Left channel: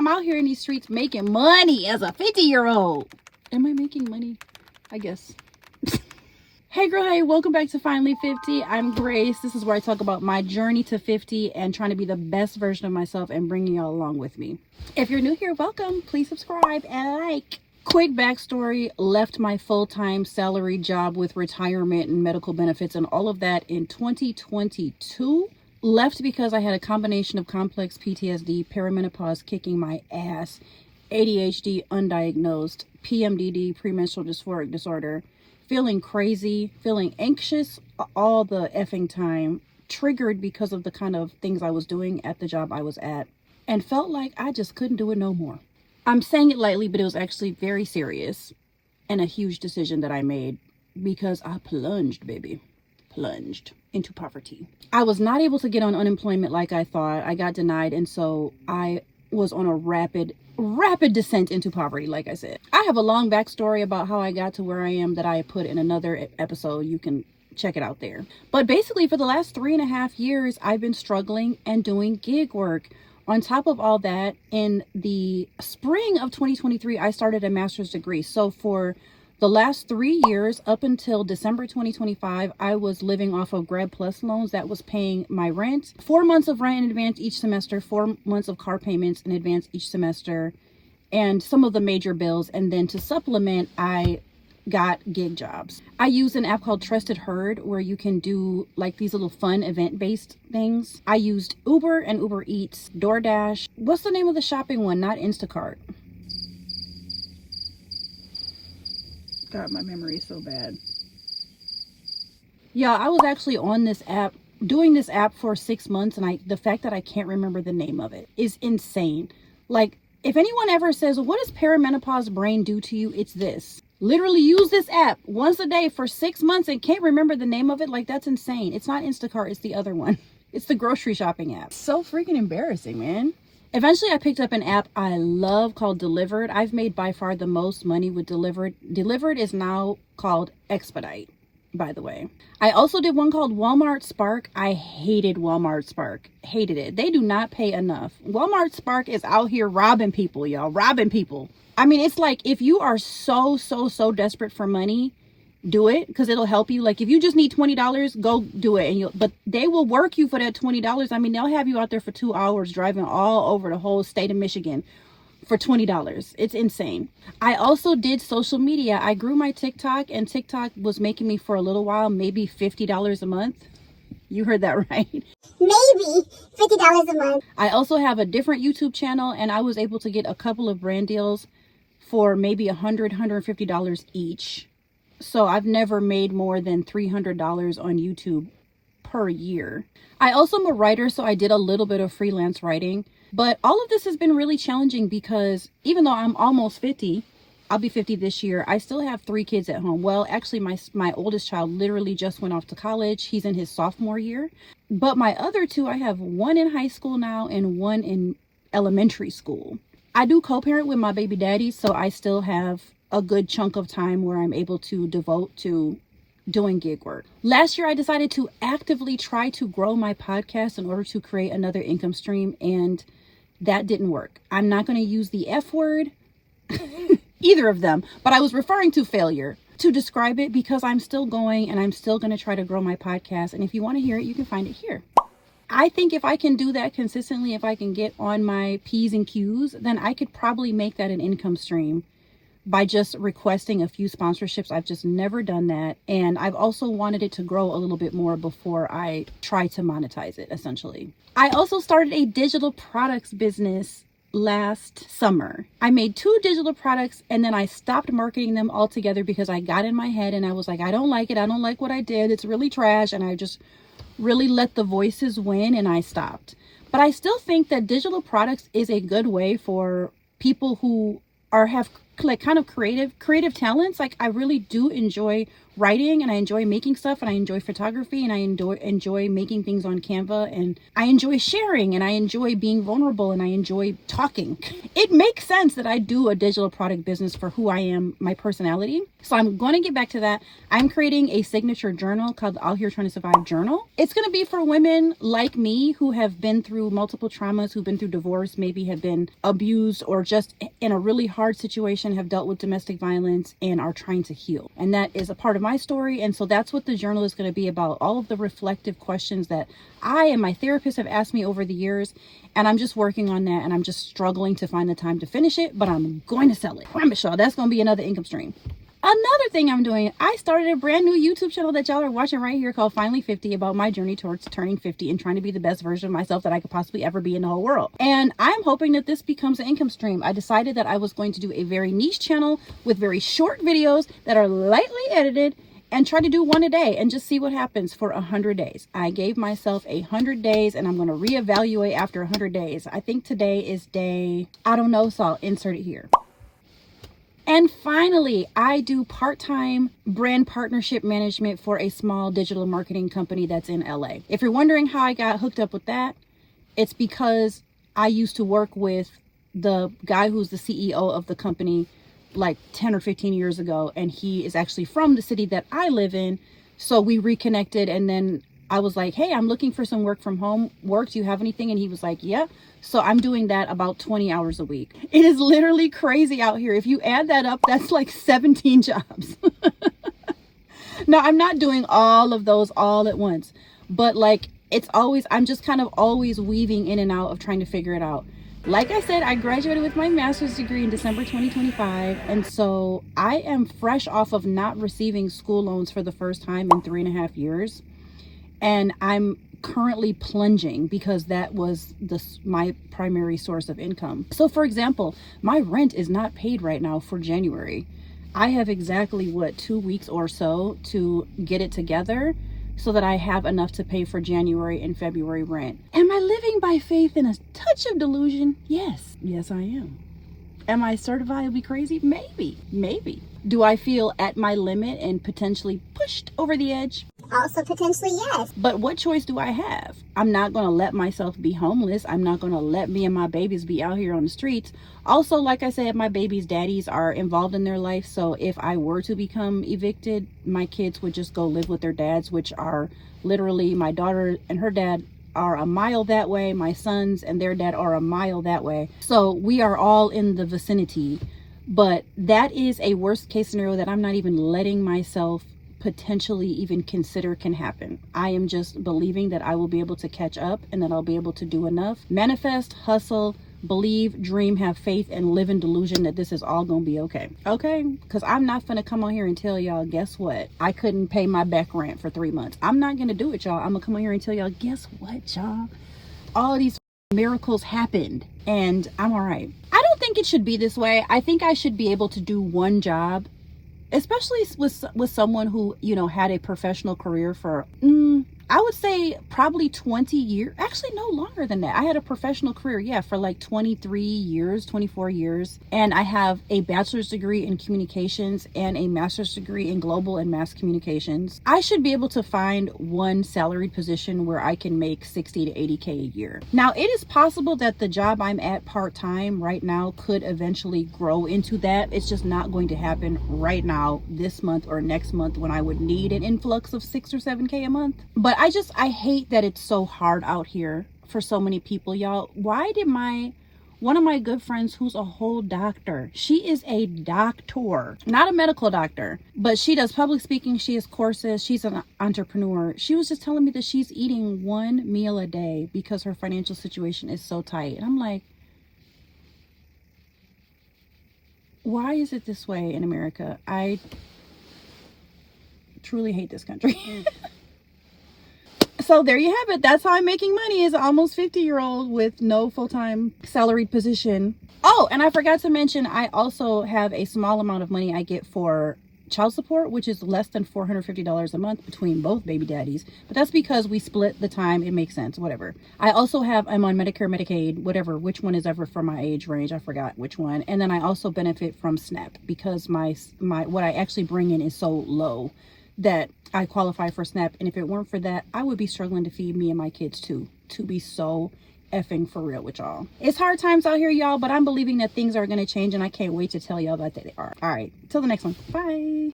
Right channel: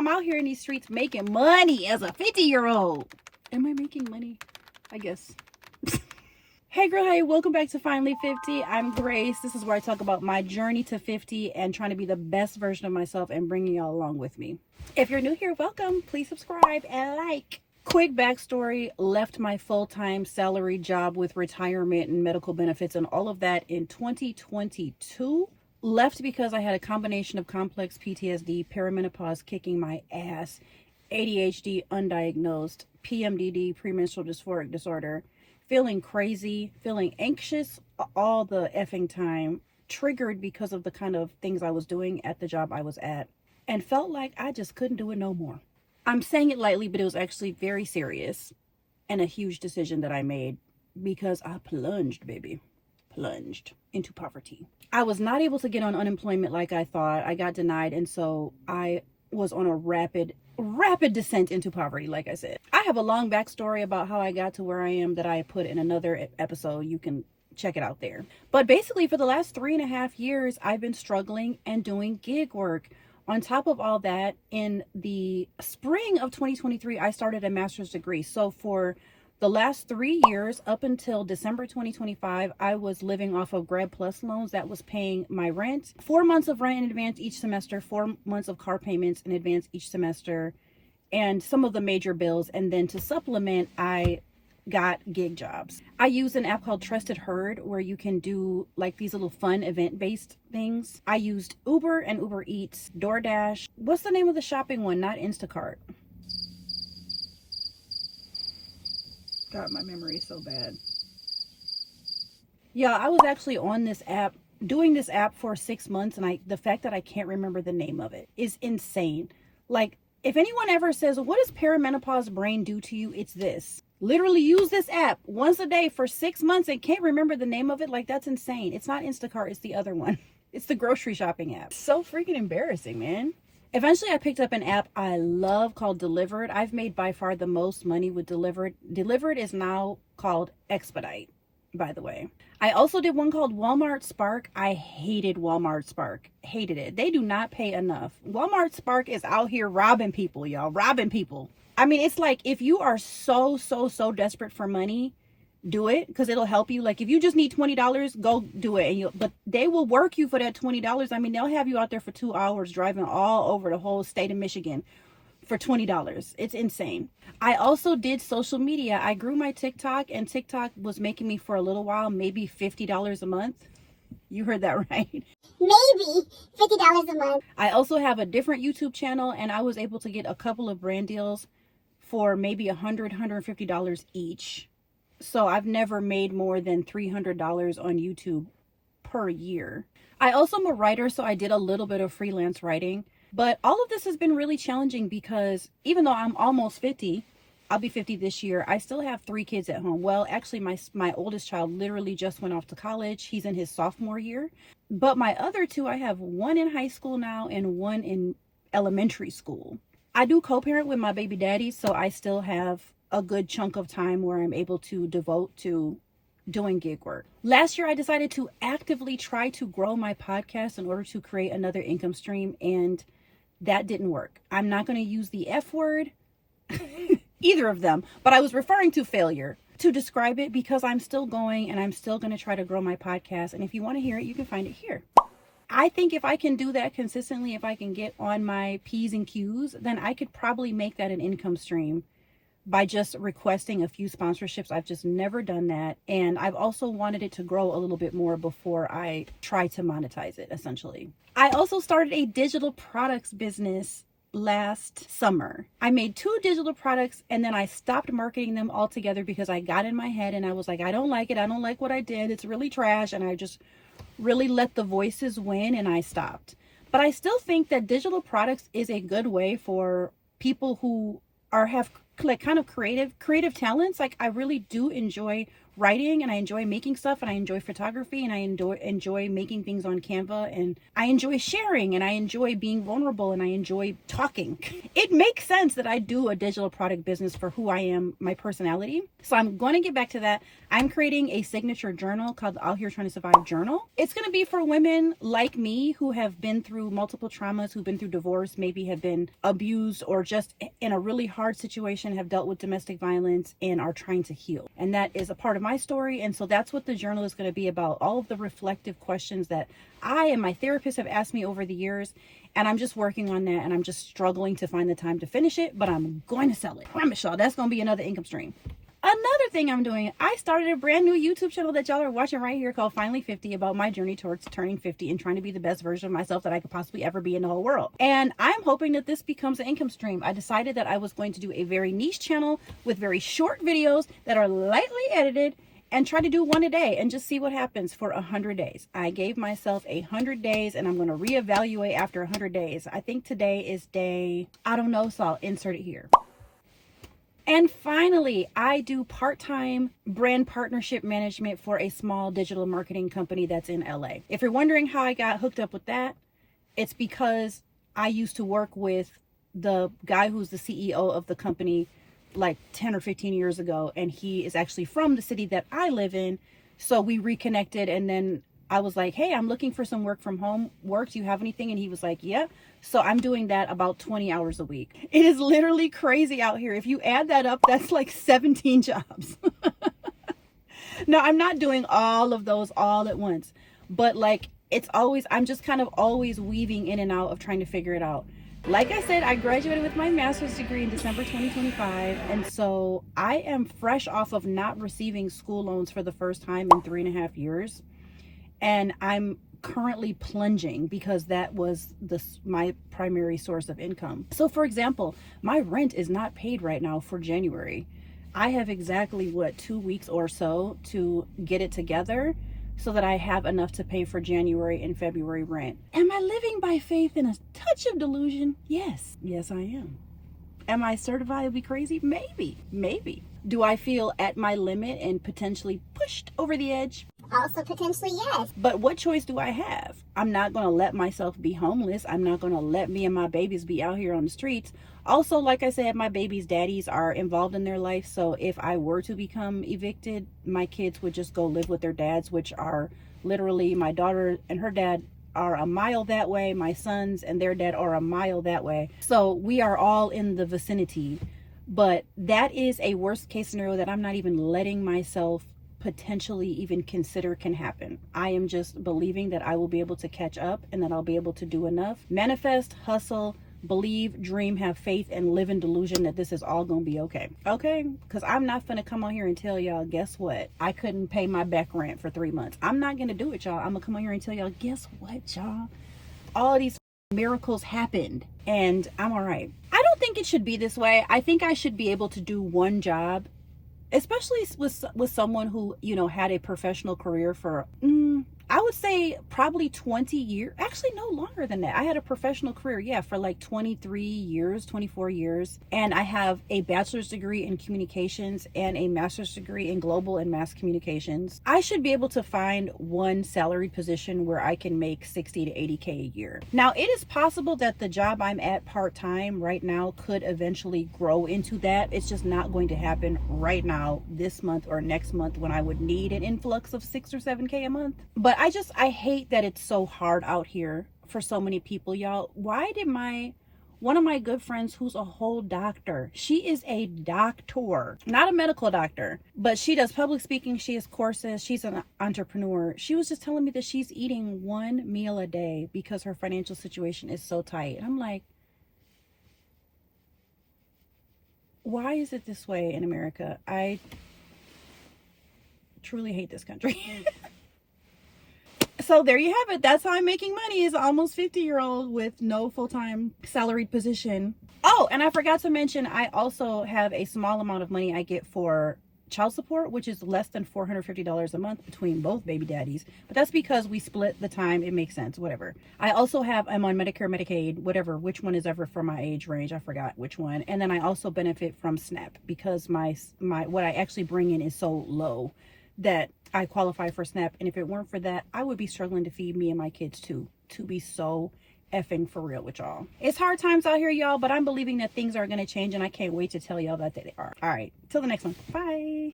I'm out here in these streets making money as a 50-year-old. Am I making money? I guess. Hey girl, hey, welcome back to Finally 50. I'm Grace. This is where I talk about my journey to 50 and trying to be the best version of myself and bringing y'all along with me. If you're new here, welcome. Please subscribe and like. Quick backstory, left my full-time salary job with retirement and medical benefits and all of that in 2022. Left because I had a combination of complex PTSD, perimenopause kicking my ass, ADHD undiagnosed, PMDD, premenstrual dysphoric disorder, feeling crazy, feeling anxious all the effing time, triggered because of the kind of things I was doing at the job I was at, and felt like I just couldn't do it no more. I'm saying it lightly, but it was actually very serious and a huge decision that I made because I plunged into poverty. I was not able to get on unemployment like I thought. I got denied, and so I was on a rapid descent into poverty, like I said. I have a long backstory about how I got to where I am that I put in another episode. You can check it out there. But basically, for the last 3.5 years, I've been struggling and doing gig work. On top of all that, in the spring of 2023, I started a master's degree. So for the last 3 years, up until December 2025, I was living off of Grad Plus loans that was paying my rent. 4 months of rent in advance each semester, 4 months of car payments in advance each semester, and some of the major bills. And then to supplement, I got gig jobs. I use an app called Trusted Herd where you can do like these little fun event-based things. I used Uber and Uber Eats, DoorDash. What's the name of the shopping one? Not Instacart. God, my memory is so bad. Yeah, I was actually on this app, doing this app for 6 months, and the fact that I can't remember the name of it is insane. Like, if anyone ever says, what does perimenopause brain do to you? It's this. Literally use this app once a day for 6 months and can't remember the name of it. Like, that's insane. It's not Instacart. It's the other one. It's the grocery shopping app. So freaking embarrassing, man. Eventually, I picked up an app I love called Delivered. I've made by far the most money with Delivered. Delivered is now called Expedite, by the way. I also did one called Walmart Spark. I hated Walmart Spark. Hated it. They do not pay enough. Walmart Spark is out here robbing people, y'all. Robbing people. I mean, it's like if you are so desperate for money, do it because it'll help you. Like if you just need $20, go do it. But they will work you for that $20. I mean, they'll have you out there for 2 hours driving all over the whole state of Michigan for $20. It's insane. I also did social media. I grew my TikTok, and TikTok was making me for a little while, maybe $50 a month. You heard that right. Maybe $50 a month. I also have a different YouTube channel, and I was able to get a couple of brand deals for maybe $150 each. So I've never made more than $300 on YouTube per year. I also am a writer, so I did a little bit of freelance writing. But all of this has been really challenging because even though I'm almost 50, I'll be 50 this year, I still have 3 kids at home. Well, actually, my oldest child literally just went off to college. He's in his sophomore year. But my other 2, I have one in high school now and one in elementary school. I do co-parent with my baby daddy, so I still have a good chunk of time where I'm able to devote to doing gig work. Last year, I decided to actively try to grow my podcast in order to create another income stream, and that didn't work. I'm not going to use the F word, either of them, but I was referring to failure to describe it because I'm still going and I'm still going to try to grow my podcast. And if you want to hear it, you can find it here. I think if I can do that consistently, if I can get on my P's and Q's, then I could probably make that an income stream by just requesting a few sponsorships. I've just never done that. And I've also wanted it to grow a little bit more before I try to monetize it, essentially. I also started a digital products business last summer. I made 2 digital products and then I stopped marketing them altogether because I got in my head and I was like, I don't like it. I don't like what I did. It's really trash. And I just really let the voices win and I stopped. But I still think that digital products is a good way for people who have like kind of creative talents. Like I really do enjoy writing, and I enjoy making stuff, and I enjoy photography, and I enjoy making things on Canva, and I enjoy sharing, and I enjoy being vulnerable, and I enjoy talking. It makes sense that I do a digital product business for who I am, my personality. So I'm going to get back to that. I'm creating a signature journal called Out Here Trying to Survive Journal. It's going to be for women like me who have been through multiple traumas, who've been through divorce, maybe have been abused, or just in a really hard situation have dealt with domestic violence and are trying to heal. And that is a part of my story. And so that's what the journal is going to be about. All of the reflective questions that I and my therapist have asked me over the years. And I'm just working on that, and I'm just struggling to find the time to finish it, but I'm going to sell it. I promise y'all that's going to be another income stream. Another thing I'm doing, I started a brand new YouTube channel that y'all are watching right here called Finally 50, about my journey towards turning 50 and trying to be the best version of myself that I could possibly ever be in the whole world. And I'm hoping that this becomes an income stream. I decided that I was going to do a very niche channel with very short videos that are lightly edited, and try to do one a day and just see what happens for 100 days. I gave myself 100 days, and I'm going to reevaluate after 100 days. I think today is day, I don't know, so I'll insert it here. And finally, I do part-time brand partnership management for a small digital marketing company that's in LA. If you're wondering how I got hooked up with that, it's because I used to work with the guy who's the CEO of the company like 10 or 15 years ago, and he is actually from the city that I live in. So we reconnected, and then I was like, hey, I'm looking for some work from home work. Do you have anything? And he was like, yeah. So I'm doing that about 20 hours a week. It is literally crazy out here. If you add that up, that's like 17 jobs. Now, I'm not doing all of those all at once, but like it's always, I'm just kind of always weaving in and out of trying to figure it out. Like I said, I graduated with my master's degree in December 2025. And so I am fresh off of not receiving school loans for the first time in 3.5 years. And I'm currently plunging because that was my primary source of income. So for example, my rent is not paid right now for January. I have exactly 2 weeks or so to get it together so that I have enough to pay for January and February rent. Am I living by faith in a touch of delusion? Yes I am. Am I certifiably crazy? Maybe. Do I feel at my limit and potentially pushed over the edge? Also potentially yes. But what choice do I have? I'm not going to let myself be homeless. I'm not going to let me and my babies be out here on the streets. Also, like I said, my babies' daddies are involved in their life. So if I were to become evicted, my kids would just go live with their dads, which are literally my daughter and her dad are a mile that way. My sons and their dad are a mile that way. So we are all in the vicinity. But that is a worst case scenario that I'm not even letting myself potentially even consider can happen. I am just believing that I will be able to catch up and that I'll be able to do enough. Manifest, hustle, believe, dream, have faith, and live in delusion that this is all gonna be okay. Okay? Because I'm not gonna come on here and tell y'all, guess what? I couldn't pay my back rent for 3 months. I'm not gonna do it, y'all. I'm gonna come on here and tell y'all, guess what, y'all? All these miracles happened and I'm all right. I don't think it should be this way. I think I should be able to do one job, especially with someone who, you know, had a professional career for, I would say probably 20 years, actually no longer than that. I had a professional career, for like 23 years, 24 years. And I have a bachelor's degree in communications and a master's degree in global and mass communications. I should be able to find one salaried position where I can make 60 to 80K a year. Now, it is possible that the job I'm at part-time right now could eventually grow into that. It's just not going to happen right now, this month or next month, when I would need an influx of 6 or 7K a month. But I hate that it's so hard out here for so many people, y'all. Why did one of my good friends, who's a whole doctor, she is a doctor, not a medical doctor, but she does public speaking, she has courses, she's an entrepreneur. She was just telling me that she's eating 1 meal a day because her financial situation is so tight. And I'm like, why is it this way in America? I truly hate this country. So there you have it. That's how I'm making money as an almost 50-year-old with no full-time salaried position. Oh, and I forgot to mention, I also have a small amount of money I get for child support, which is less than $450 a month between both baby daddies. But that's because we split the time. It makes sense, whatever. I'm on Medicare, Medicaid, whatever, which one is ever for my age range. I forgot which one. And then I also benefit from SNAP because my what I actually bring in is so low that I qualify for SNAP. And if it weren't for that, I would be struggling to feed me and my kids too, to be so effing for real with y'all. It's hard times out here, y'all, but I'm believing that things are going to change, and I can't wait to tell y'all that they are. All right, till the next one. Bye.